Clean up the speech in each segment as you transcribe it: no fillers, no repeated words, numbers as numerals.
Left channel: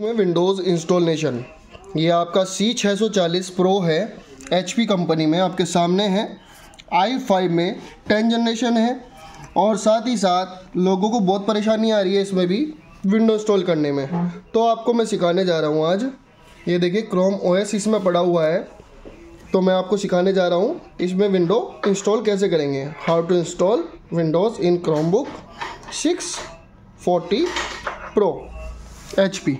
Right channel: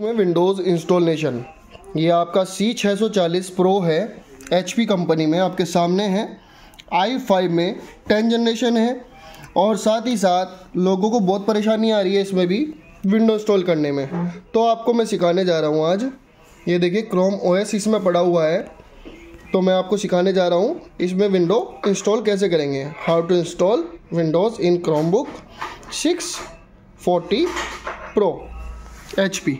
में Windows installation, ये आपका C640 प्रो है, HP कंपनी में आपके सामने है, i5 में 10 जनरेशन है। और साथ ही साथ लोगों को बहुत परेशानी आ रही है इसमें भी विंडो इंस्टॉल करने में, तो आपको मैं सिखाने जा रहा हूँ आज। ये देखिए क्रोम OS इसमें पड़ा हुआ है, तो मैं आपको सिखाने जा रहा हूँ इसमें विंडो इंस्टॉल कैसे करेंगे। How to install Windows in Chromebook 640 pro HP।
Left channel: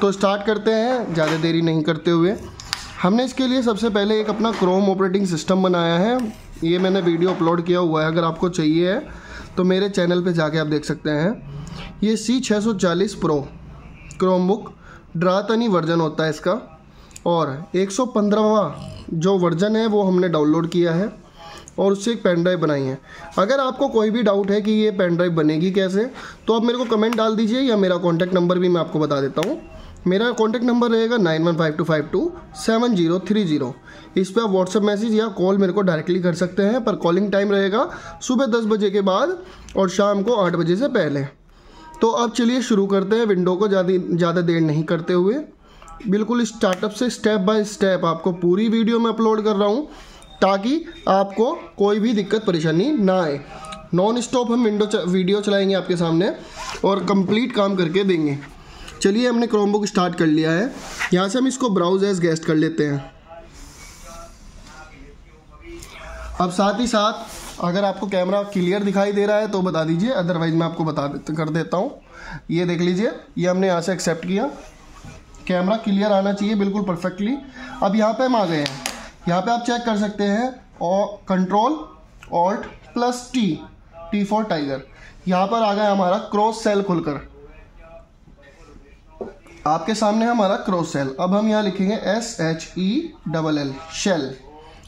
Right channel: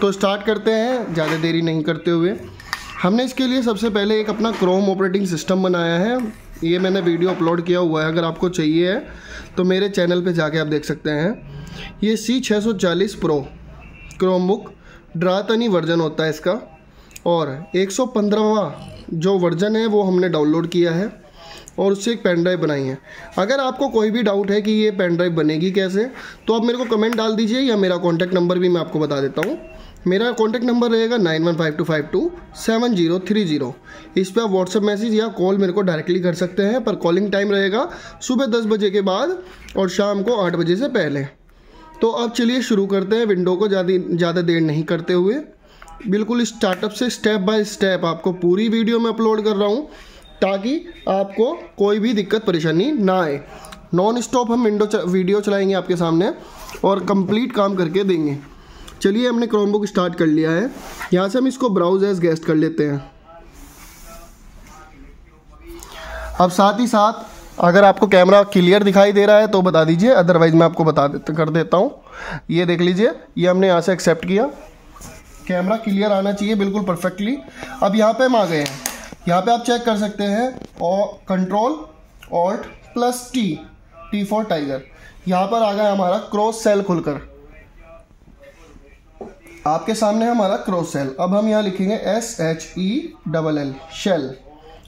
तो स्टार्ट करते हैं ज़्यादा देरी नहीं करते हुए। हमने इसके लिए सबसे पहले एक अपना क्रोम ऑपरेटिंग सिस्टम बनाया है, ये मैंने वीडियो अपलोड किया हुआ है, अगर आपको चाहिए है तो मेरे चैनल पे जाके आप देख सकते हैं। ये C640 प्रो क्रोमबुक ड्रातनी वर्जन होता है इसका, और 115वां जो वर्जन है वो हमने डाउनलोड किया है और उससे एक पेन ड्राइव बनाई है। अगर आपको कोई भी डाउट है कि ये पेन ड्राइव बनेगी कैसे, तो आप मेरे को कमेंट डाल दीजिए, या मेरा कॉन्टैक्ट नंबर भी मैं आपको बता देता हूँ। मेरा कॉन्टैक्ट नंबर रहेगा 9152527030। इस पर आप व्हाट्सएप मैसेज या कॉल मेरे को डायरेक्टली कर सकते हैं, पर कॉलिंग टाइम रहेगा सुबह 10 बजे के बाद और शाम को 8 बजे से पहले। तो अब चलिए शुरू करते हैं विंडो को ज़्यादा देर नहीं करते हुए। बिल्कुल स्टार्टअप से स्टेप बाय स्टेप आपको पूरी वीडियो में अपलोड कर रहा हूँ, ताकि आपको कोई भी दिक्कत परेशानी ना आए। नॉन स्टॉप हम वीडियो चलाएंगे आपके सामने और कंप्लीट काम करके देंगे। चलिए हमने क्रोमबुक स्टार्ट कर लिया है, यहाँ से हम इसको ब्राउज एज गेस्ट कर लेते हैं। अब साथ ही साथ अगर आपको कैमरा क्लियर दिखाई दे रहा है तो बता दीजिए, अदरवाइज मैं आपको कर देता हूँ। ये देख लीजिए, ये हमने यहाँ से एक्सेप्ट किया, कैमरा क्लियर आना चाहिए बिल्कुल परफेक्टली। अब यहाँ पे हम आ गए हैं, यहाँ पे आप चेक कर सकते हैं और Ctrl+Alt+T फॉर टाइगर। यहाँ पर आ गया हमारा क्रॉस सेल खुलकर, आपके सामने है हमारा क्रॉस सेल। अब हम यहाँ लिखेंगे SHELL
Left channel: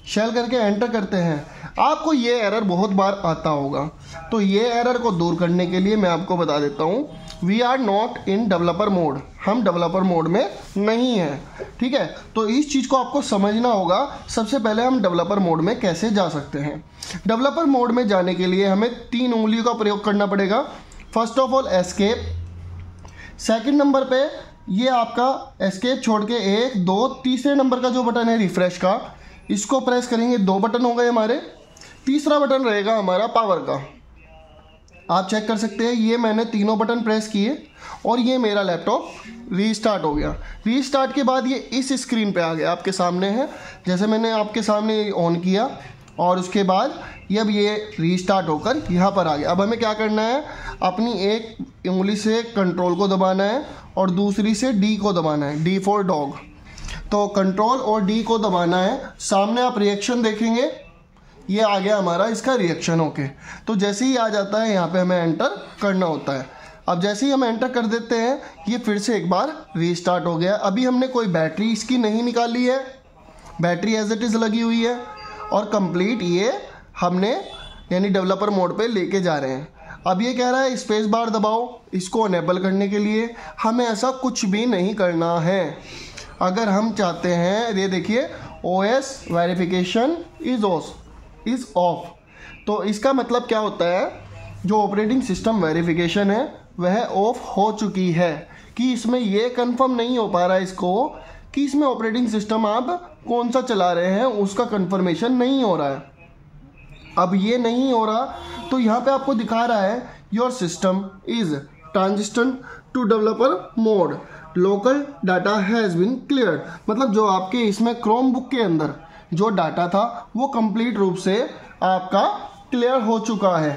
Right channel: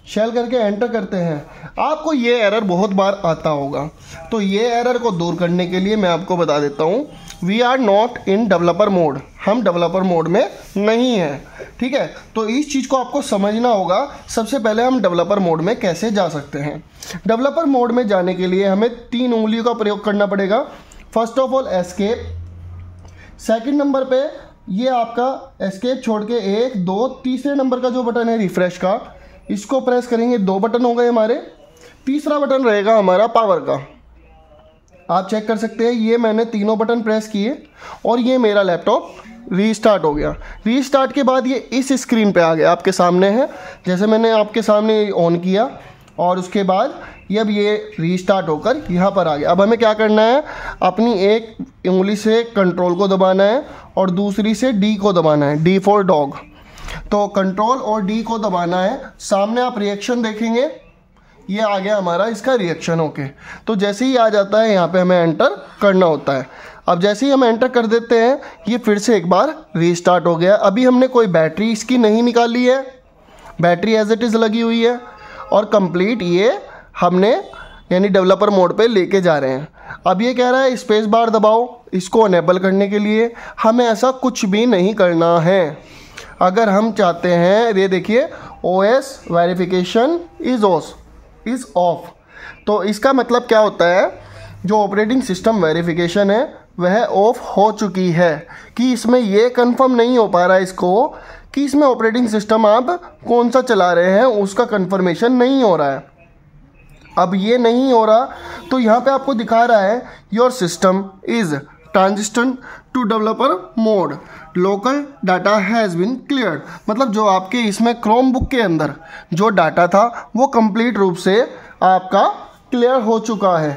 शेल करके एंटर करते हैं। आपको ये एरर बहुत बार आता होगा, तो ये एरर को दूर करने के लिए मैं आपको बता देता हूँ, we are not in developer mode, हम डेवलपर मोड में नहीं हैं, ठीक है। तो इस चीज़ को आपको समझना होगा। सबसे पहले हम डेवलपर मोड में कैसे जा सकते हैं। डेवलपर मोड में जाने के लिए हमें 3 उंगलियों का प्रयोग करना पड़ेगा। First of all escape, second number पे ये आपका एस्केप छोड़ के 1 2 तीसरे नंबर का जो बटन है रिफ्रेश का, इसको प्रेस करेंगे, 2 बटन हो गए हमारे। तीसरा बटन रहेगा हमारा पावर का, आप चेक कर सकते हैं, ये मैंने तीनों बटन प्रेस किए और ये मेरा लैपटॉप रीस्टार्ट हो गया। रीस्टार्ट के बाद ये इस स्क्रीन पे आ गया, आपके सामने है, जैसे मैंने आपके सामने ऑन किया और उसके बाद अब ये रीस्टार्ट होकर यहाँ पर आ गया। अब हमें क्या करना है, अपनी एक उंगली से कंट्रोल को दबाना है और दूसरी से D को दबाना है, D फॉर डॉग। तो कंट्रोल और D को दबाना है। सामने आप रिएक्शन देखेंगे, ये आ गया हमारा इसका रिएक्शन। ओके, तो जैसे ही आ जाता है यहाँ पे हमें एंटर करना होता है। अब जैसे ही हम एंटर कर देते हैं, ये फिर से एक बार रीस्टार्ट हो गया। अभी हमने कोई बैटरी इसकी नहीं निकाली है, बैटरी एज इट इज़ लगी हुई है और कंप्लीट ये हमने यानी डेवलपर मोड पे लेके जा रहे हैं। अब ये कह रहा है स्पेस बार दबाओ इसको अनेबल करने के लिए। हमें ऐसा कुछ भी नहीं करना है। अगर हम चाहते हैं, ये देखिए OS वेरिफिकेशन इज ऑफ, तो इसका मतलब क्या होता है, जो ऑपरेटिंग सिस्टम वेरिफिकेशन है वह ऑफ हो चुकी है, कि इसमें ये कंफर्म नहीं हो पा रहा है इसको कि इसमें ऑपरेटिंग सिस्टम आप कौन सा चला रहे हैं, उसका कंफर्मेशन नहीं हो रहा है। अब ये नहीं हो रहा, तो यहाँ पे आपको दिखा रहा है your system is transition to developer mode, local data has been cleared. मतलब जो आपके इसमें क्रोमबुक के अंदर जो डाटा था वो कंप्लीट रूप से आपका क्लियर हो चुका है।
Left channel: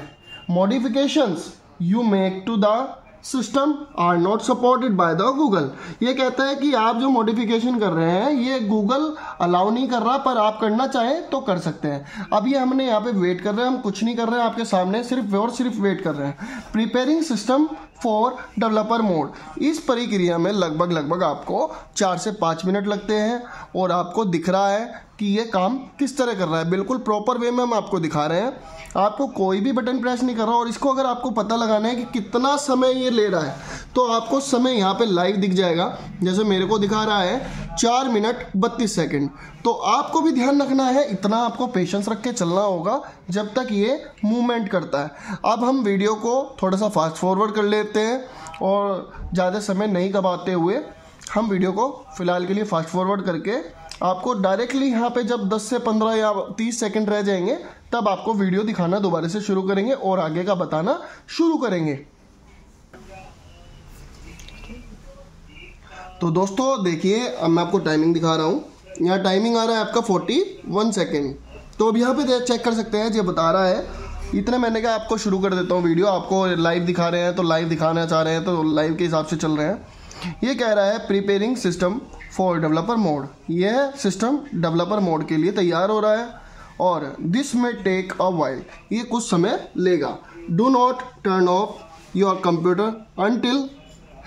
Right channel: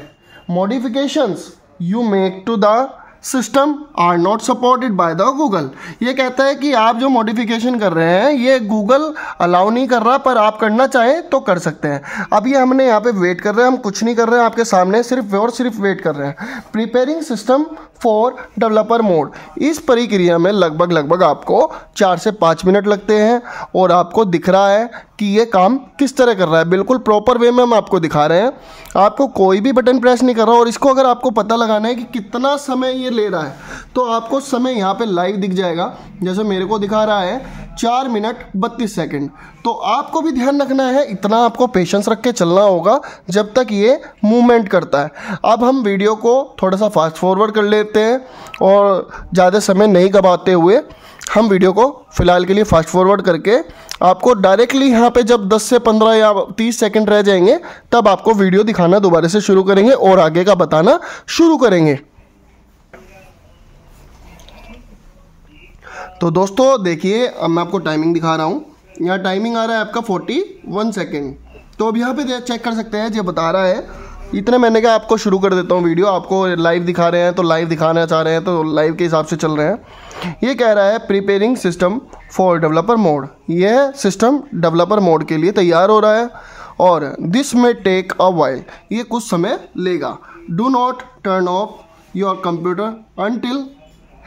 Modifications you make to the system are not supported by the Google. ये कहता है कि आप जो मॉडिफिकेशन कर रहे हैं ये गूगल अलाउ नहीं कर रहा, पर आप करना चाहें तो कर सकते हैं। अब ये हमने यहाँ पे वेट कर रहे हैं, हम कुछ नहीं कर रहे हैं, आपके सामने सिर्फ और सिर्फ वेट कर रहे हैं। Preparing system for developer mode, इस प्रक्रिया में लगभग आपको 4 से 5 मिनट लगते हैं और आपको दिख रहा है कि ये काम किस तरह कर रहा है। बिल्कुल प्रॉपर वे में हम आपको दिखा रहे हैं, आपको कोई भी बटन प्रेस नहीं कर रहा। और इसको अगर आपको पता लगाना है कि कितना समय ये ले रहा है, तो आपको समय यहाँ पे लाइव दिख जाएगा। जैसे मेरे को दिखा रहा है 4 मिनट 32 सेकंड। तो आपको भी ध्यान रखना है, इतना आपको पेशेंस रख के चलना होगा जब तक ये मूवमेंट करता है। अब हम वीडियो को थोड़ा सा फास्ट फॉरवर्ड कर लेते लेते हैं और ज़्यादा समय नहीं गवाते हुए हम वीडियो को फ़िलहाल के लिए फास्ट फॉरवर्ड करके आपको डायरेक्टली यहाँ पे जब 10 से 15 या 30 सेकंड रह जाएंगे तब आपको वीडियो दिखाना दोबारा से शुरू करेंगे और आगे का बताना शुरू करेंगे। तो दोस्तों देखिए, अब मैं आपको टाइमिंग दिखा रहा हूँ। यहाँ टाइमिंग आ रहा है आपका 41 सेकेंड। तो अब यहाँ पे चेक कर सकते हैं, ये बता रहा है इतने। मैंने कहा आपको शुरू कर देता हूँ वीडियो, आपको लाइव दिखा रहे हैं तो लाइव दिखाना चाह रहे हैं तो लाइव के हिसाब से चल रहे हैं। ये कह रहा है preparing system for developer mode. यह सिस्टम डेवलपर मोड के लिए तैयार हो रहा है और दिस में टेक अ वाइल, ये कुछ समय लेगा। Do not turn off your computer until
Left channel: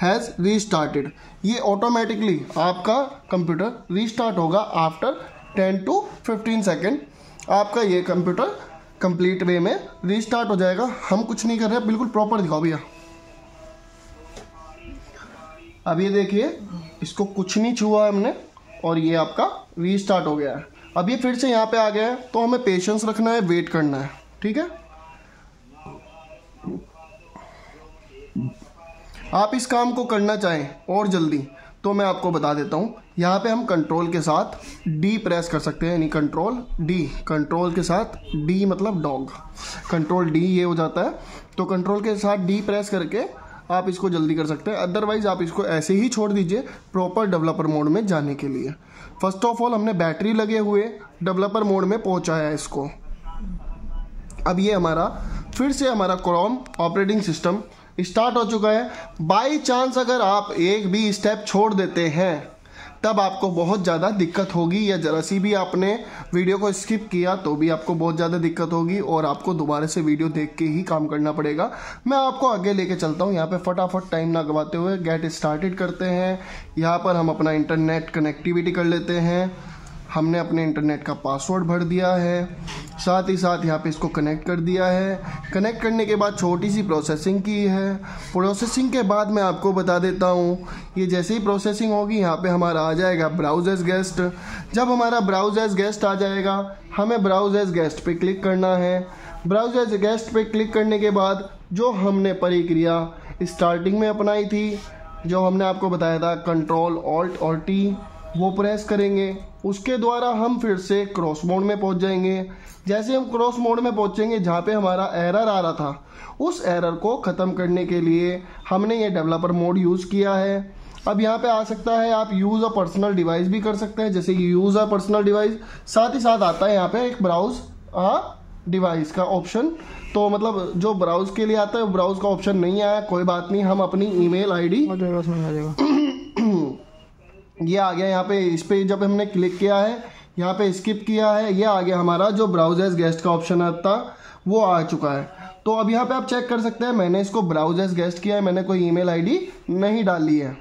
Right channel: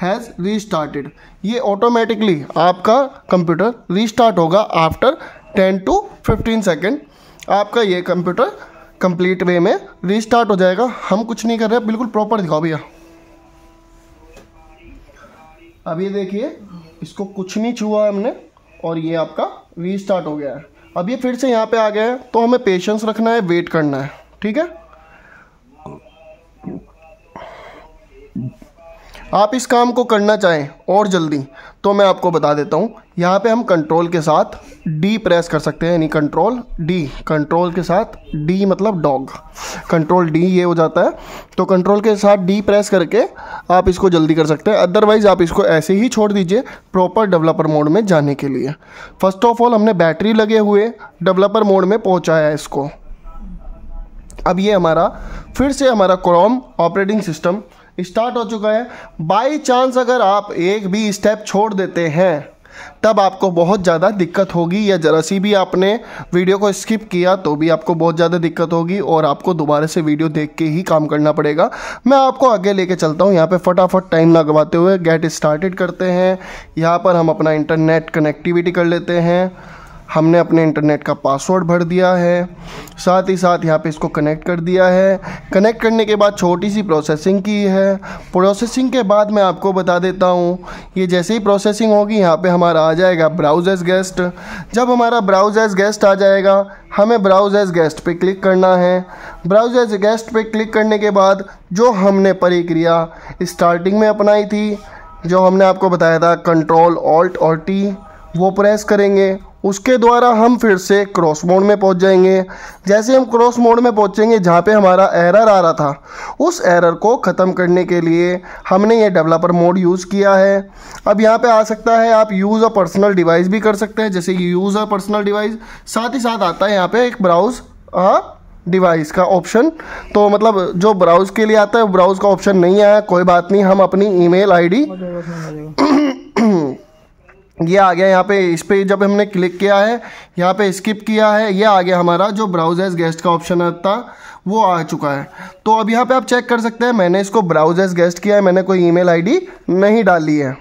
has restarted. ये ऑटोमेटिकली आपका कंप्यूटर रीस्टार्ट होगा आफ्टर 10 to 15 सेकेंड। आपका ये कंप्यूटर कंप्लीट वे में रीस्टार्ट हो जाएगा। हम कुछ नहीं कर रहे, बिल्कुल प्रॉपर दिखाओ भैया। अब ये देखिए, इसको कुछ नहीं छुआ हमने और ये आपका रीस्टार्ट हो गया है। अब ये फिर से यहाँ पे आ गया है, तो हमें पेशेंस रखना है, वेट करना है, ठीक है। आप इस काम को करना चाहें और जल्दी तो मैं आपको बता देता हूँ। यहाँ पे हम कंट्रोल के साथ डी प्रेस कर सकते हैं, यानी कंट्रोल डी, कंट्रोल के साथ डी मतलब डॉग, कंट्रोल डी ये हो जाता है। तो कंट्रोल के साथ डी प्रेस करके आप इसको जल्दी कर सकते हैं। अदरवाइज़ आप इसको ऐसे ही छोड़ दीजिए प्रॉपर डेवलपर मोड में जाने के लिए। फर्स्ट ऑफ ऑल हमने बैटरी लगे हुए डेवलपर मोड में पहुँचाया है इसको। अब ये हमारा फिर से हमारा क्रोम ऑपरेटिंग सिस्टम स्टार्ट हो चुका है। बाई चांस अगर आप एक भी स्टेप छोड़ देते हैं तब आपको बहुत ज़्यादा दिक्कत होगी, या ज़रा सी भी आपने वीडियो को स्किप किया तो भी आपको बहुत ज़्यादा दिक्कत होगी और आपको दोबारा से वीडियो देख के ही काम करना पड़ेगा। मैं आपको आगे लेके चलता हूँ। यहाँ पे फटाफट टाइम ना गवाते हुए गेट स्टार्टेड करते हैं। यहाँ पर हम अपना इंटरनेट कनेक्टिविटी कर लेते हैं। हमने अपने इंटरनेट का पासवर्ड भर दिया है, साथ ही साथ यहाँ पे इसको कनेक्ट कर दिया है। कनेक्ट करने के बाद छोटी सी प्रोसेसिंग की है। प्रोसेसिंग के बाद मैं आपको बता देता हूँ, ये जैसे ही प्रोसेसिंग होगी यहाँ पे हमारा आ जाएगा ब्राउज एज गेस्ट। जब हमारा ब्राउज एज गेस्ट आ जाएगा, हमें ब्राउज एज गेस्ट पे क्लिक करना है। ब्राउज एज गेस्ट पे क्लिक करने के बाद जो हमने प्रक्रिया स्टार्टिंग में अपनाई थी, जो हमने आपको बताया था कंट्रोल ऑल्ट और टी, वो प्रेस करेंगे। उसके द्वारा हम फिर से क्रॉस मोड में पहुंच जाएंगे। जैसे हम क्रॉस मोड में पहुंचेंगे, जहां पे हमारा एरर आ रहा था, उस एरर को ख़त्म करने के लिए हमने ये डेवलपर मोड यूज़ किया है। अब यहाँ पे आ सकता है आप यूज़ अ पर्सनल डिवाइस भी कर सकते हैं, जैसे कि यूज़ अ पर्सनल डिवाइस। साथ ही साथ आता है यहाँ पे एक ब्राउज डिवाइस का ऑप्शन। तो मतलब जो ब्राउज के लिए आता है ब्राउज का ऑप्शन नहीं आया, कोई बात नहीं। हम अपनी ईमेल आईडी ये आ गया यहाँ पे, इस पे जब हमने क्लिक किया है, यहाँ पे स्किप किया है, ये आ गया हमारा जो ब्राउज एज गेस्ट का ऑप्शन था वो आ चुका है। तो अब यहाँ पे आप चेक कर सकते हैं, मैंने इसको ब्राउज एज गेस्ट किया है, मैंने कोई ईमेल आईडी नहीं डाली है।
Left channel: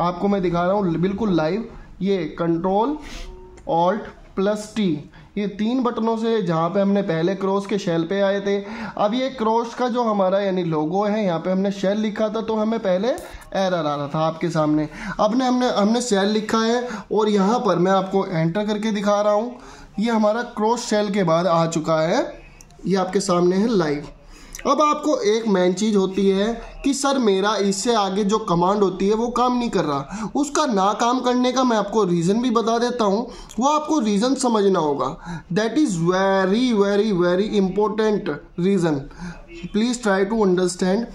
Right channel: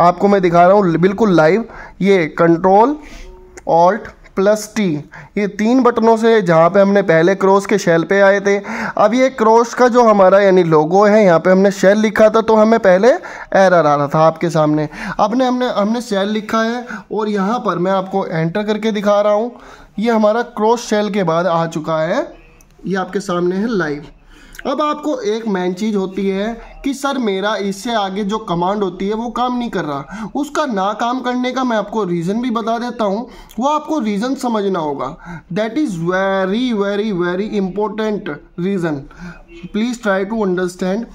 आपको मैं दिखा रहा हूँ बिल्कुल लाइव। ये कंट्रोल ऑल्ट प्लस टी, ये 3 बटनों से जहाँ पे हमने पहले क्रॉस के शेल पे आए थे, अब ये क्रॉस का जो हमारा यानी लोगो है, यहाँ पे हमने शेल लिखा था तो हमें पहले एरर आ रहा था आपके सामने। अब हमने शेल लिखा है और यहाँ पर मैं आपको एंटर करके दिखा रहा हूँ। ये हमारा क्रॉस शेल के बाद आ चुका है, ये आपके सामने है लाइव। अब आपको एक मेन चीज़ होती है कि सर मेरा इससे आगे जो कमांड होती है वो काम नहीं कर रहा। उसका ना काम करने का मैं आपको रीज़न भी बता देता हूँ, वो आपको रीज़न समझना होगा। That is very very very important reason, please try to understand.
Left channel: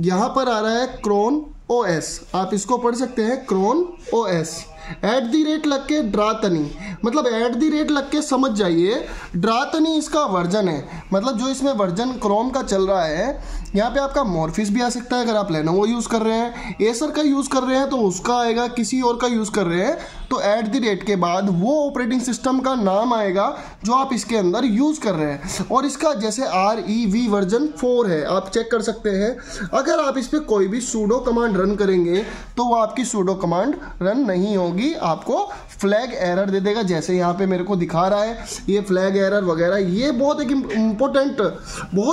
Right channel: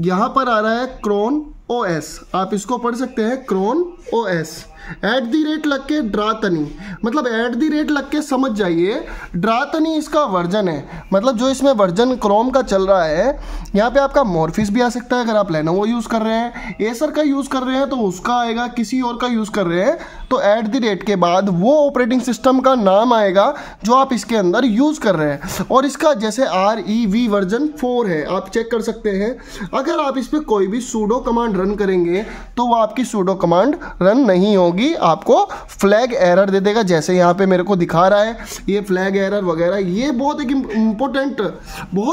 यहाँ पर आ रहा है क्रोन OS, आप इसको पढ़ सकते हैं क्रोन OS। @ लग के ड्रातनी, मतलब @ लग के समझ जाइए, ड्रातनी इसका वर्जन है। मतलब जो इसमें वर्जन क्रोम का चल रहा है, यहाँ पे आपका मॉर्फिस भी आ सकता है। अगर आप लेनोवो यूज़ कर रहे हैं, एसर का यूज़ कर रहे हैं तो उसका आएगा, किसी और का यूज़ कर रहे हैं तो @ के बाद वो ऑपरेटिंग सिस्टम का नाम आएगा जो आप इसके अंदर यूज़ कर रहे हैं। और इसका जैसे REV वर्जन 4 है, आप चेक कर सकते हैं। अगर आप इस पर कोई भी सूडो कमांड रन करेंगे तो वो आपकी सूडो कमांड रन नहीं होगी, आपको फ्लैग एरर दे देगा। जैसे यहाँ पे मेरे को दिखा रहा है ये फ्लैग एरर वगैरह, ये बहुत एक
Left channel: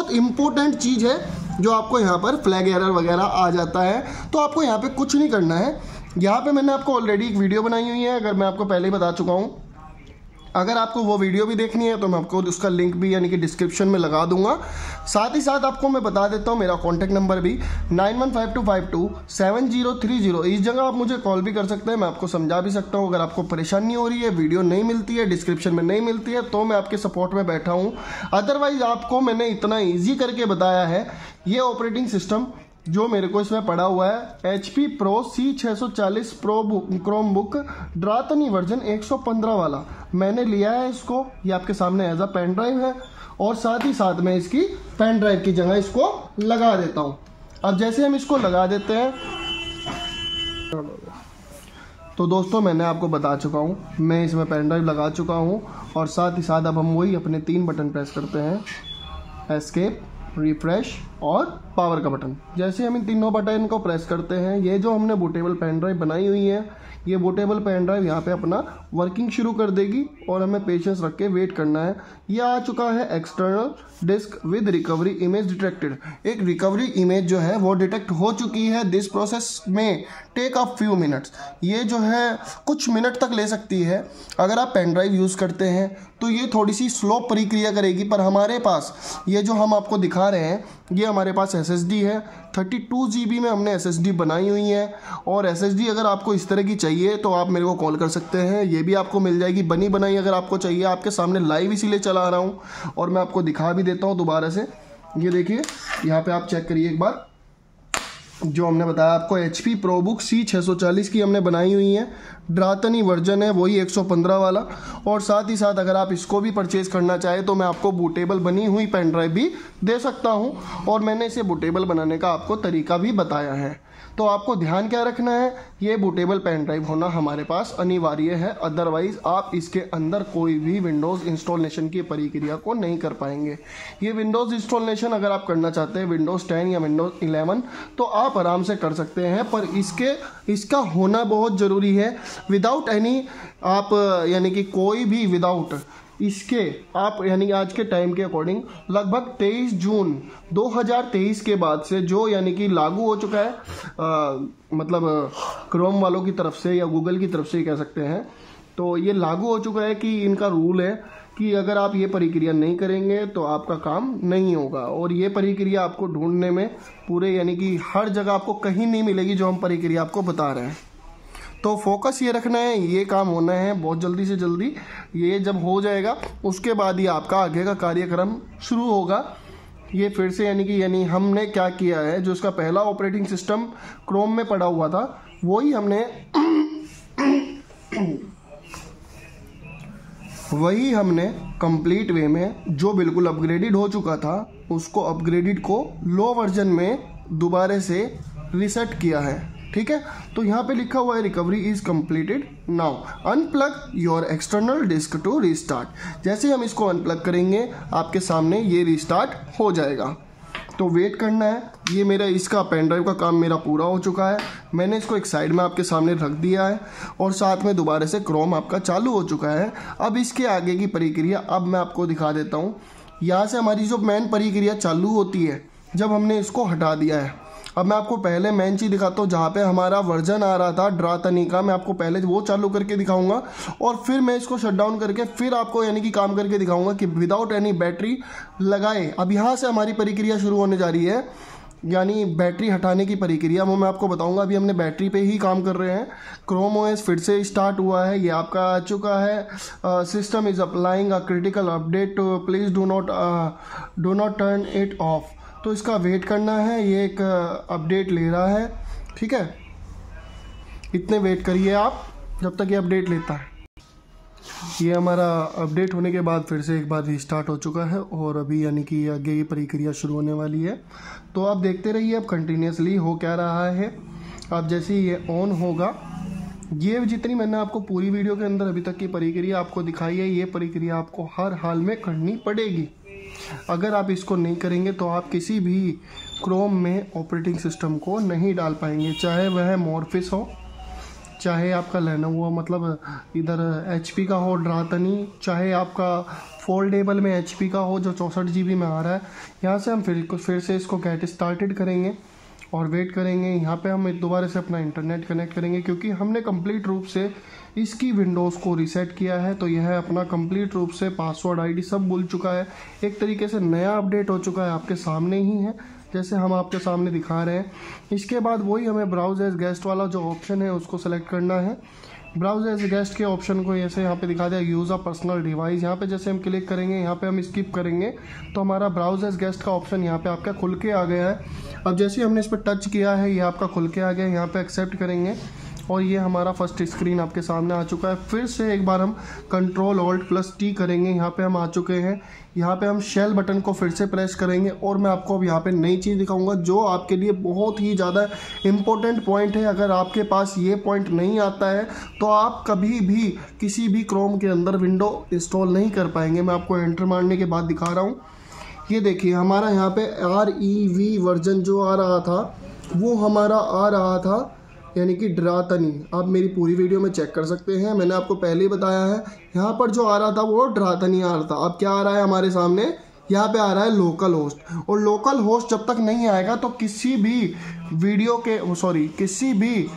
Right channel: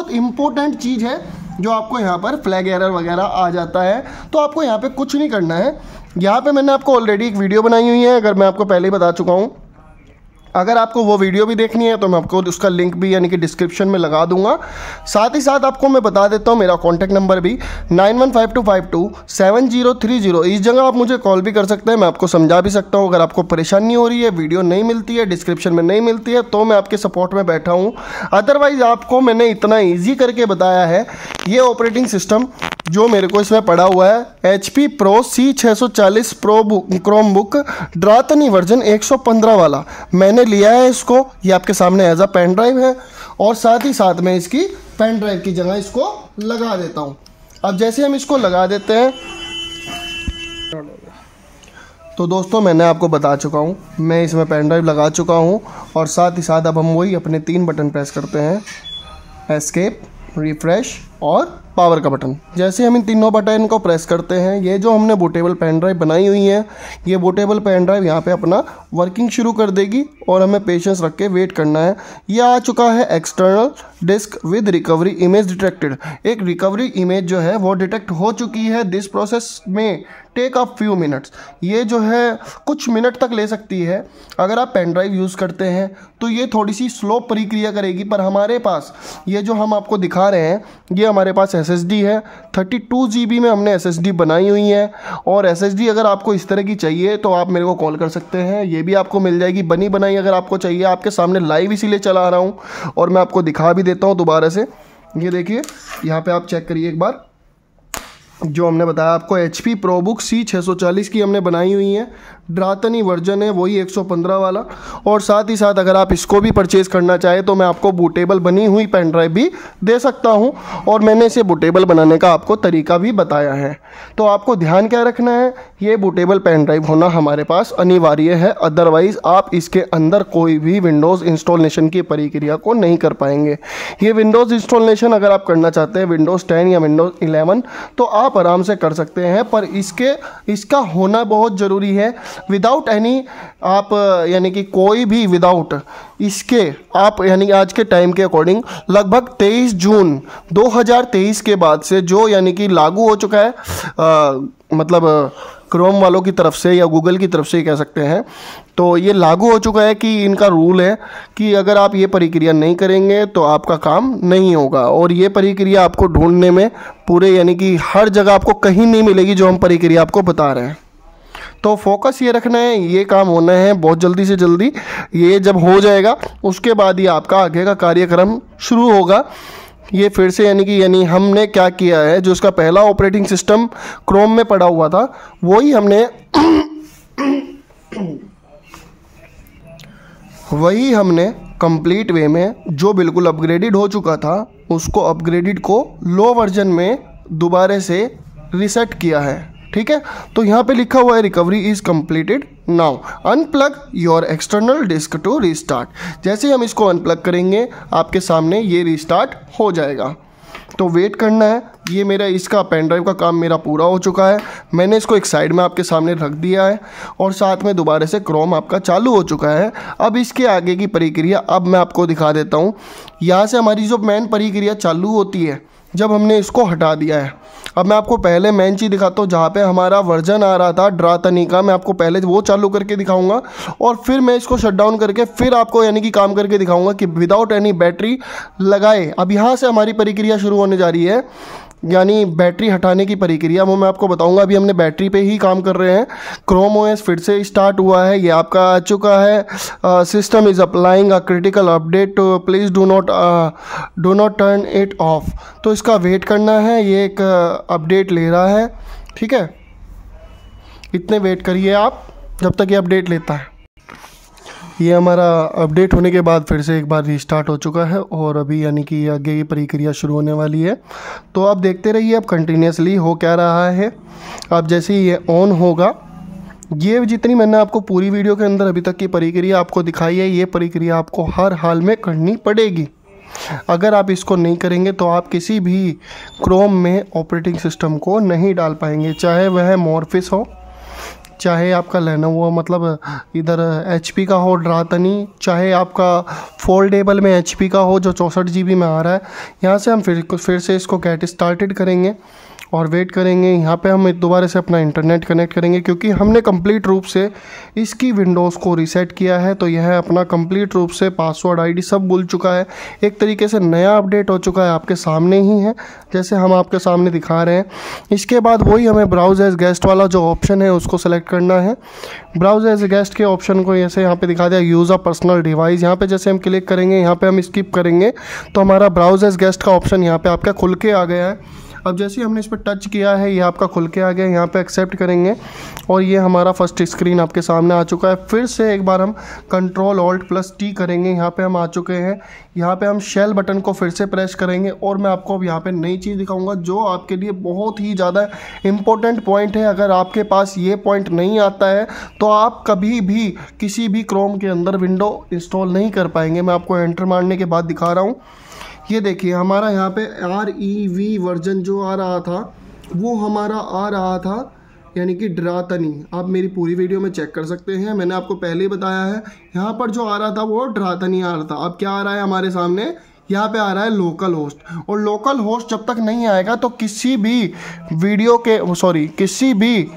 इम्पोर्टेंट चीज़ है जो आपको यहाँ पर फ्लैग एरर वगैरह आ जाता है। तो आपको यहाँ पे कुछ नहीं करना है। यहाँ पे मैंने आपको ऑलरेडी एक वीडियो बनाई हुई है, अगर मैं आपको पहले ही बता चुका हूँ। अगर आपको वो वीडियो भी देखनी है तो मैं आपको उसका लिंक भी यानी कि डिस्क्रिप्शन में लगा दूंगा। साथ ही साथ आपको मैं बता देता हूँ मेरा कॉन्टैक्ट नंबर भी 9152527030। इस जगह आप मुझे कॉल भी कर सकते हैं, मैं आपको समझा भी सकता हूँ। अगर आपको परेशानी हो रही है, वीडियो नहीं मिलती है, डिस्क्रिप्शन में नहीं मिलती है, तो मैं आपके सपोर्ट में बैठा हूँ। अदरवाइज़ आपको मैंने इतना ईजी करके बताया है। ये ऑपरेटिंग सिस्टम जो मेरे को इसमें पड़ा हुआ है HP Pro C640 Pro Chromebook ड्रातनी वर्जन 115 वाला, मैंने लिया है इसको। ये आपके सामने एज अ पेन ड्राइव है और साथ ही साथ में इसकी पेन ड्राइव की जगह इसको लगा देता हूँ। अब जैसे हम इसको लगा देते हैं तो दोस्तों मैंने आपको बता चुका हूँ, मैं इसमें पेन ड्राइव लगा चुका हूँ। और साथ ही साथ अब हम वही अपने 3 बटन प्रेस करते हैं, एस्केप, रिफ्रेश और पावर का बटन। जैसे हम इन तीनों बटन को प्रेस करते हैं, ये जो हमने बूटेबल पेन ड्राइव बनाई हुई है, ये बूटेबल पेन ड्राइव यहाँ पे अपना वर्किंग शुरू कर देगी और हमें पेशेंस रख के वेट करना है। ये आ चुका है external disk with recovery image detected. एक रिकवरी इमेज जो है वो डिटेक्ट हो चुकी है। दिस प्रोसेस में टेक अ फ्यू मिनट्स, ये जो है कुछ मिनट तक ले सकती है। अगर आप पेन ड्राइव यूज़ करते हैं तो ये थोड़ी सी स्लो प्रक्रिया करेगी, पर हमारे पास ये जो हम आपको दिखा रहे हैं ये हमारे पास SSD है। 32 GB में हमने SSD बनाई हुई है। और SSD अगर आपको इस तरह की चाहिए तो आप मेरे को कॉल कर सकते हैं, ये भी आपको मिल जाएगी बनी बनाई। अगर आपको चाहिए, आपके सामने लाइव इसीलिए चला रहा हूँ और मैं आपको दिखा भी देता हूँ दोबारा से। ये देखिए यहाँ पे आप चेक करिए एक बार, जो हमने बताया आपको HP ProBook C640 की हमने बनाई हुई है, ड्रातनी वर्जन है वही 115 वाला। और साथ ही साथ अगर आप इसको भी परचेज करना चाहें तो मैं आपको बूटेबल बनी हुई पेन ड्राइव भी दे सकता हूं, और मैंने इसे बूटेबल बनाने का आपको तरीका भी बताया है। तो आपको ध्यान क्या रखना है, ये बूटेबल पेन ड्राइव होना हमारे पास अनिवार्य है। अदरवाइज़ आप इसके अंदर कोई भी विंडोज़ इंस्टॉलेशन की प्रक्रिया को नहीं कर पाएंगे। ये विंडोज़ इंस्टॉलेशन अगर आप करना चाहते हैं विंडोज़ 10 या विंडोज़ 11 तो आप आराम से कर सकते हैं, पर इसका होना बहुत ज़रूरी है। विदाउट एनी आप यानी कि कोई भी विदाउट इसके आप यानी आज के टाइम के अकॉर्डिंग लगभग 23 जून 2023 के बाद से जो यानी कि लागू हो चुका है, मतलब क्रोम वालों की तरफ से या गूगल की तरफ से ही कह सकते हैं, तो ये लागू हो चुका है कि इनका रूल है कि अगर आप ये प्रक्रिया नहीं करेंगे तो आपका काम नहीं होगा। और ये प्रक्रिया आपको ढूंढने में पूरे यानी कि हर जगह आपको कहीं नहीं मिलेगी जो हम प्रक्रिया आपको बता रहे हैं। तो फोकस ये रखना है, ये काम होना है बहुत जल्दी से जल्दी। ये जब हो जाएगा उसके बाद ही आपका आगे का कार्यक्रम शुरू होगा। ये फिर से यानी हमने क्या किया है, जो उसका पहला ऑपरेटिंग सिस्टम क्रोम में पड़ा हुआ था वही हमने कंप्लीट वे में जो बिल्कुल अपग्रेडेड हो चुका था उसको अपग्रेडेड को लो वर्जन में दोबारा से रीसेट किया है। ठीक है, तो यहाँ पे लिखा हुआ है recovery is completed now, unplug your external disk to restart. जैसे ही हम इसको अनप्लग करेंगे आपके सामने ये रीस्टार्ट हो जाएगा। तो वेट करना है। ये मेरा इसका पेन ड्राइव का काम मेरा पूरा हो चुका है, मैंने इसको एक साइड में आपके सामने रख दिया है और साथ में दोबारा से क्रोम आपका चालू हो चुका है। अब इसके आगे की प्रक्रिया अब मैं आपको दिखा देता हूँ। यहाँ से हमारी जो मेन प्रक्रिया चालू होती है जब हमने इसको हटा दिया है। अब मैं आपको पहले मेन चीज़ दिखाता हूँ, जहाँ पे हमारा वर्जन आ रहा था ड्रातनी का, मैं आपको पहले वो चालू करके दिखाऊंगा और फिर मैं इसको शट डाउन करके फिर आपको यानी कि काम करके दिखाऊंगा कि विदाउट एनी बैटरी लगाए। अब यहाँ से हमारी प्रक्रिया शुरू होने जा रही है, यानी बैटरी हटाने की प्रक्रिया, वो मैं आपको बताऊंगा। अभी हमने बैटरी पे ही काम कर रहे हैं। क्रोम OS फिर से स्टार्ट हुआ है, ये आपका आ चुका है। System is applying a critical update, please do not turn it of. तो इसका वेट करना है, ये एक अपडेट ले रहा है। ठीक है, इतने वेट करिए आप जब तक ये अपडेट लेता है। ये हमारा अपडेट होने के बाद फिर से एक बार रीस्टार्ट हो चुका है और अभी यानी कि आगे की प्रक्रिया शुरू होने वाली है। तो आप देखते रहिए अब कंटिन्यूसली हो क्या रहा है। अब जैसे ही ये ऑन होगा, ये जितनी मैंने आपको पूरी वीडियो के अंदर अभी तक की प्रक्रिया आपको दिखाई है, ये प्रक्रिया आपको हर हाल में करनी पड़ेगी। अगर आप इसको नहीं करेंगे तो आप किसी भी क्रोम में ऑपरेटिंग सिस्टम को नहीं डाल पाएंगे, चाहे वह मॉर्फिस हो, चाहे आपका लेनोवो मतलब इधर HP का हो ड्रातनी, चाहे आपका फोल्डेबल में HP का हो जो 64 GB में आ रहा है। यहाँ से हम फिर से इसको गेट स्टार्टेड करेंगे और वेट करेंगे। यहाँ पे हम दोबारा से अपना इंटरनेट कनेक्ट करेंगे क्योंकि हमने कंप्लीट रूप से इसकी विंडोज़ को रीसेट किया है। तो यह अपना कंप्लीट रूप से पासवर्ड आईडी सब भूल चुका है, एक तरीके से नया अपडेट हो चुका है, आपके सामने ही है जैसे हम आपके सामने दिखा रहे हैं। इसके बाद वही हमें ब्राउज एज गेस्ट वाला जो ऑप्शन है उसको सेलेक्ट करना है। ब्राउज एज गेस्ट के ऑप्शन को जैसे यहाँ पे दिखा दिया यूज़ अ पर्सनल डिवाइस, यहाँ पे जैसे हम क्लिक करेंगे, यहाँ पे हम स्किप करेंगे तो हमारा ब्राउज एज गेस्ट का ऑप्शन यहाँ पे आपका खुल के आ गया है। अब जैसे ही हमने इस पर टच किया है ये आपका खुल के आ गया, यहाँ पे एक्सेप्ट करेंगे और ये हमारा फर्स्ट स्क्रीन आपके सामने आ चुका है। फिर से एक बार हम Ctrl+Alt+T करेंगे, यहाँ पे हम आ चुके हैं। यहाँ पे हम शेल बटन को फिर से प्रेस करेंगे और मैं आपको अब यहाँ पे नई चीज़ दिखाऊंगा जो आपके लिए बहुत ही ज़्यादा इम्पोर्टेंट पॉइंट है। अगर आपके पास ये पॉइंट नहीं आता है तो आप कभी भी किसी भी क्रोम के अंदर विंडो इंस्टॉल नहीं कर पाएंगे। मैं आपको एंटर मारने के बाद दिखा रहा हूँ। ये देखिए हमारा यहाँ पे REV वर्जन जो आ रहा था वो हमारा आ रहा था यानी कि ड्रातनी। आप मेरी पूरी वीडियो में चेक कर सकते हैं, मैंने आपको पहले ही बताया है। यहाँ पर जो आ रहा था वो ड्रातनी आ रहा था। अब क्या आ रहा है हमारे सामने, यहाँ पे आ रहा है लोकल होस्ट। और लोकल होस्ट जब तक नहीं आएगा तो किसी भी वीडियो के किसी भी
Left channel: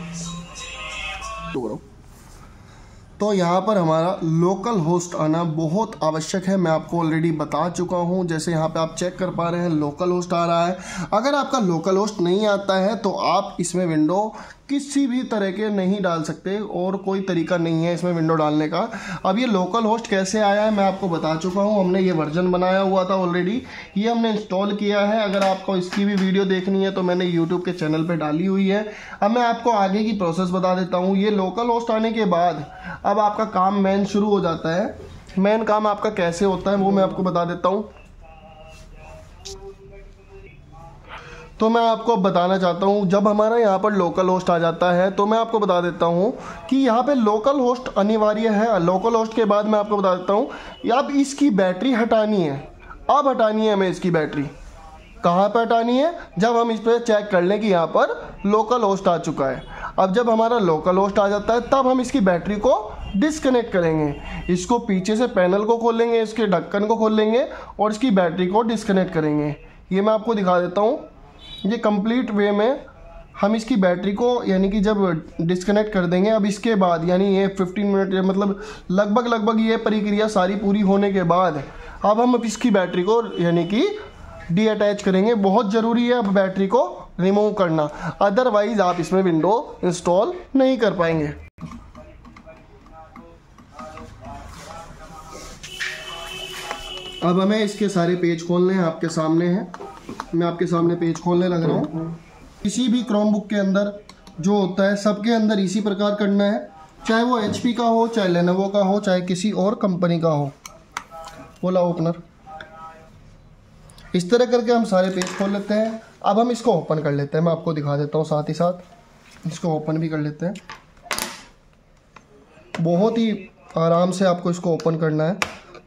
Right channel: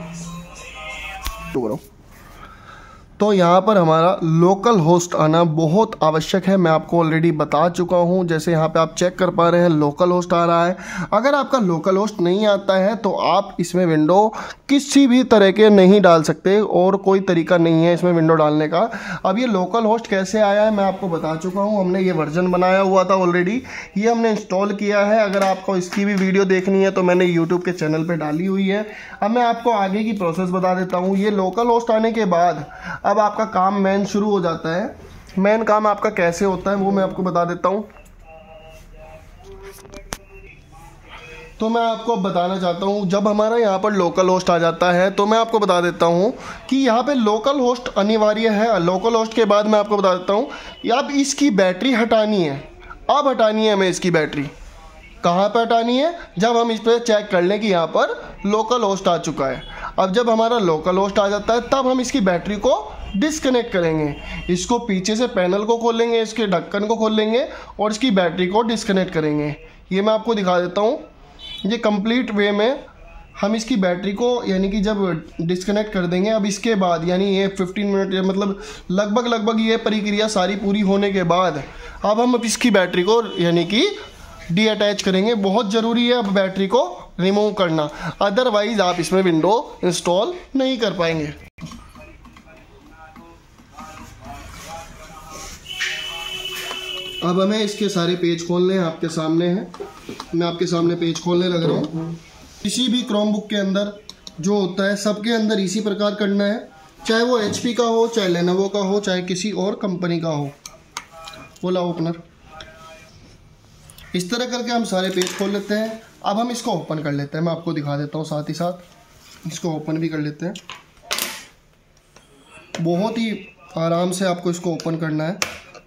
तो यहाँ पर हमारा लोकल होस्ट आना बहुत आवश्यक है। मैं आपको ऑलरेडी बता चुका हूँ, जैसे यहाँ पे आप चेक कर पा रहे हैं लोकल होस्ट आ रहा है। अगर आपका लोकल होस्ट नहीं आता है तो आप इसमें विंडो किसी भी तरह के नहीं डाल सकते और कोई तरीका नहीं है इसमें विंडो डालने का। अब ये लोकल होस्ट कैसे आया है मैं आपको बता चुका हूँ। हमने ये वर्जन बनाया हुआ था ऑलरेडी, ये हमने इंस्टॉल किया है। अगर आपको इसकी भी वीडियो देखनी है तो मैंने यूट्यूब के चैनल पर डाली हुई है। अब मैं आपको आगे की प्रोसेस बता देता हूँ। ये लोकल होस्ट आने के बाद अब आपका काम मेन शुरू हो जाता है। मेन काम आपका कैसे होता है वो मैं आपको बता देता हूँ। तो मैं आपको बताना चाहता हूँ, जब हमारा यहाँ पर लोकल होस्ट आ जाता है तो मैं आपको बता देता हूँ कि यहाँ पे लोकल होस्ट अनिवार्य है। लोकल होस्ट के बाद मैं आपको बता देता हूँ अब इसकी बैटरी हटानी है। अब हटानी है हमें इसकी बैटरी। कहाँ पर हटानी है, जब हम इस पर चेक कर लें कि यहाँ पर लोकल होस्ट आ चुका है। अब जब हमारा लोकल होस्ट आ जाता है तब हम इसकी बैटरी को डिस्कनेक्ट करेंगे। इसको पीछे से पैनल को खोलेंगे, इसके ढक्कन को खोल लेंगे और इसकी बैटरी को डिस्कनेक्ट करेंगे। ये मैं आपको दिखा देता हूँ। ये कंप्लीट वे में हम इसकी बैटरी को यानी कि जब डिस्कनेक्ट कर देंगे, अब इसके बाद यानी ये 15 मिनट मतलब लगभग ये प्रक्रिया सारी पूरी होने के बाद अब हम इसकी बैटरी को यानी कि डीअटैच करेंगे। बहुत ज़रूरी है अब बैटरी को रिमूव करना, अदरवाइज आप इसमें विंडो इंस्टॉल नहीं कर पाएंगे। अब हमें इसके सारे पेज खोलने हैं, आपके सामने हैं। मैं आपके सामने पेज खोलने लग रहा हूँ। किसी भी क्रोमबुक के अंदर जो होता है सबके अंदर इसी प्रकार करना है, चाहे वो HP का हो, चाहे लेनोवो का हो, चाहे किसी और कंपनी का हो। बोला ओपनर, इस तरह करके हम सारे पेज खोल लेते हैं। अब हम इसको ओपन कर लेते हैं, मैं आपको दिखा देता हूँ, साथ ही साथ इसको ओपन भी कर लेते हैं। बहुत ही आराम से आपको इसको ओपन करना है,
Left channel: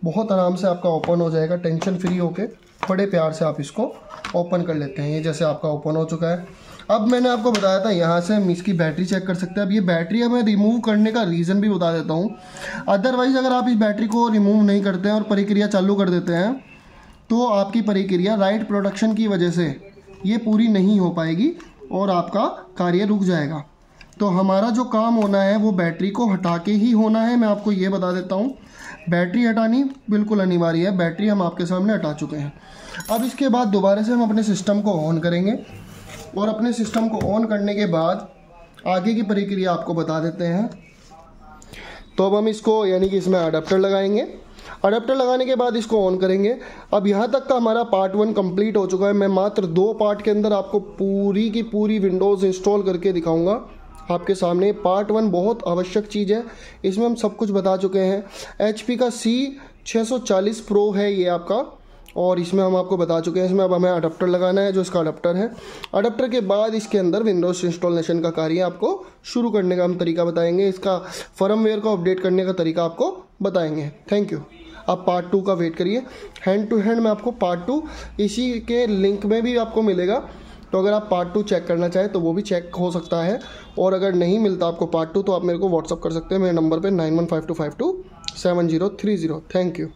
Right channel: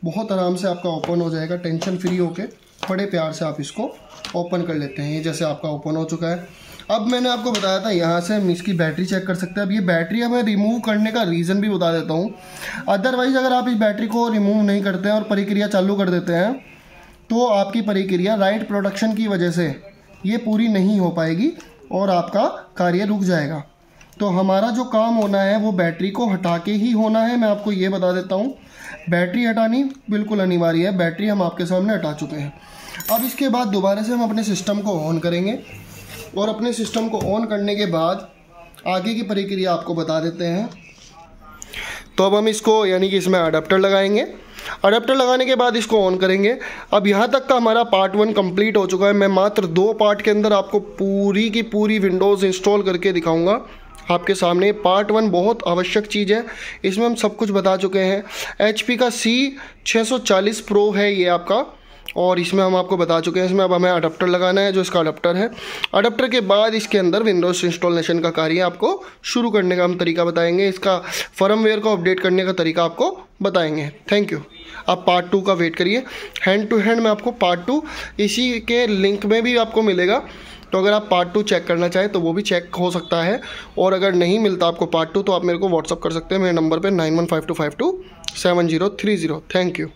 बहुत आराम से आपका ओपन हो जाएगा। टेंशन फ्री होके बड़े प्यार से आप इसको ओपन कर लेते हैं। ये जैसे आपका ओपन हो चुका है। अब मैंने आपको बताया था यहाँ से हम इसकी बैटरी चेक कर सकते हैं। अब ये बैटरी हमें रिमूव करने का रीज़न भी बता देता हूँ। अदरवाइज़ अगर आप इस बैटरी को रिमूव नहीं करते हैं और प्रक्रिया चालू कर देते हैं तो आपकी प्रक्रिया राइट प्रोडक्शन की वजह से ये पूरी नहीं हो पाएगी और आपका कार्य रुक जाएगा। तो हमारा जो काम होना है वो बैटरी को हटा के ही होना है। मैं आपको ये बता देता हूँ, बैटरी हटानी बिल्कुल अनिवार्य है। बैटरी हम आपके सामने हटा चुके हैं। अब इसके बाद दोबारा से हम अपने सिस्टम को ऑन करेंगे और अपने सिस्टम को ऑन करने के बाद आगे की प्रक्रिया आपको बता देते हैं। तो अब हम इसको यानी कि इसमें अडेप्टर लगाएंगे। अडेप्टर लगाने के बाद इसको ऑन करेंगे। अब यहाँ तक का हमारा पार्ट 1 कंप्लीट हो चुका है। मैं मात्र 2 पार्ट के अंदर आपको पूरी की पूरी विंडोज़ इंस्टॉल करके दिखाऊंगा आपके सामने। पार्ट 1 बहुत आवश्यक चीज़ है, इसमें हम सब कुछ बता चुके हैं। HP का C640 Pro है ये आपका, और इसमें हम आपको बता चुके हैं। इसमें अब हमें अडेप्टर लगाना है, जो इसका अडेप्टर है। अडेप्टर के बाद इसके अंदर विंडोज़ इंस्टॉलेशन का कार्य आपको शुरू करने का हम तरीका बताएंगे। इसका फर्मवेयर को अपडेट करने का तरीका आपको बताएंगे। Thank you. आप पार्ट 2 का वेट करिए। हैंड टू हैंड में आपको पार्ट 2 इसी के लिंक में भी आपको मिलेगा। तो अगर आप पार्ट 2 चेक करना चाहें तो वो भी चेक हो सकता है। और अगर नहीं मिलता आपको पार्ट 2 तो आप मेरे को व्हाट्सअप कर सकते हैं मेरे नंबर पे 9152527030। Thank you.